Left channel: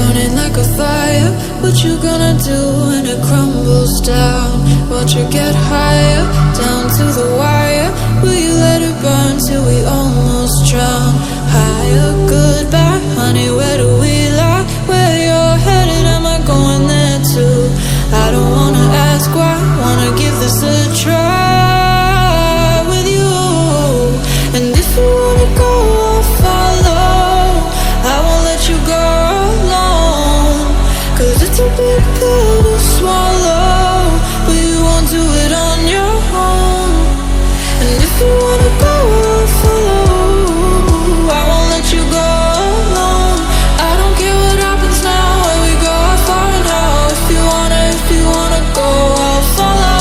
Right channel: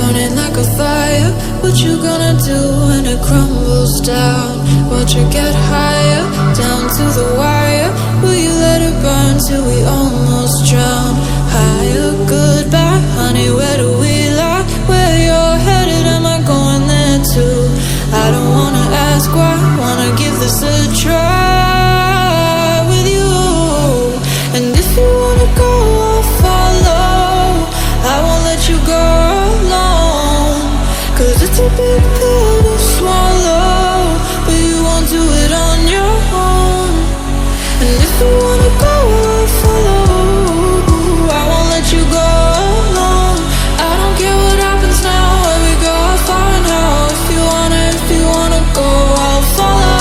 burning like a fire. What you gonna do when it crumbles down? Watch it get higher, down to the wire. Will you let it burn till we almost drown? Higher, goodbye, honey, where do we lie? Where you're headed, am I going there too? I don't wanna ask why, wanna give this a try with you. And if you wanna go, I'll follow. I won't let you go alone, 'cause it's a big pill to swallow, but you won't do it on your own. And if you wanna go, I'll follow. I won't let you go alone. I don't care what happens now, where we go, how far and how. If you wanna go, I'll follow.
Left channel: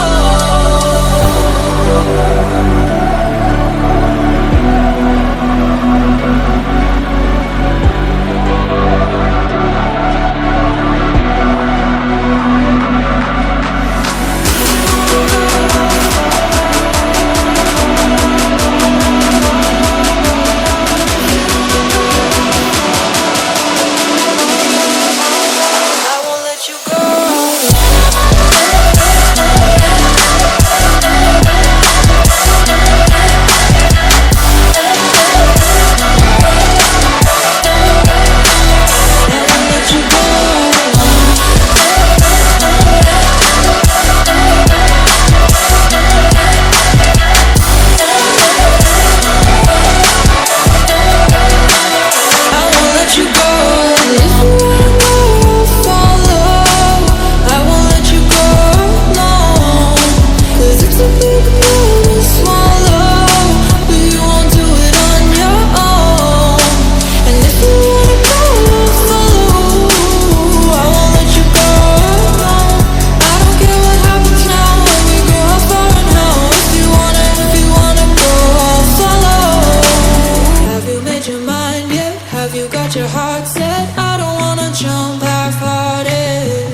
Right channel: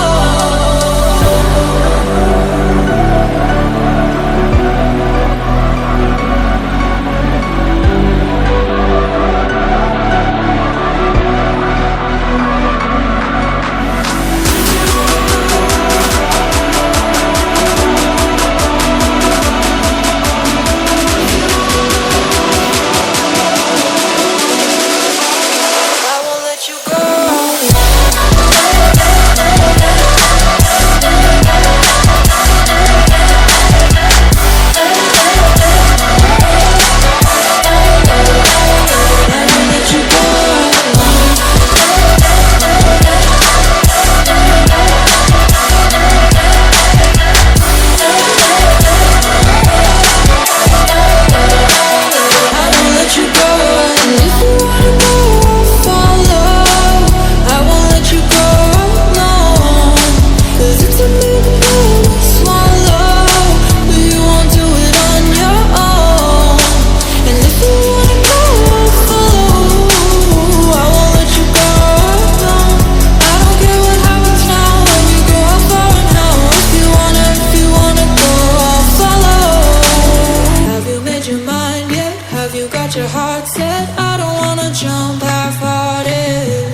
Your heart set, I don't wanna jump half-hearted.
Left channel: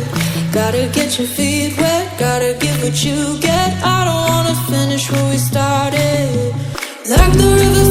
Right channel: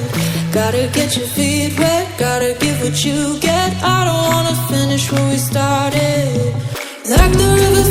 Gotta get your feet wet, gotta give what you get. I don't wanna finish where we started. Like the river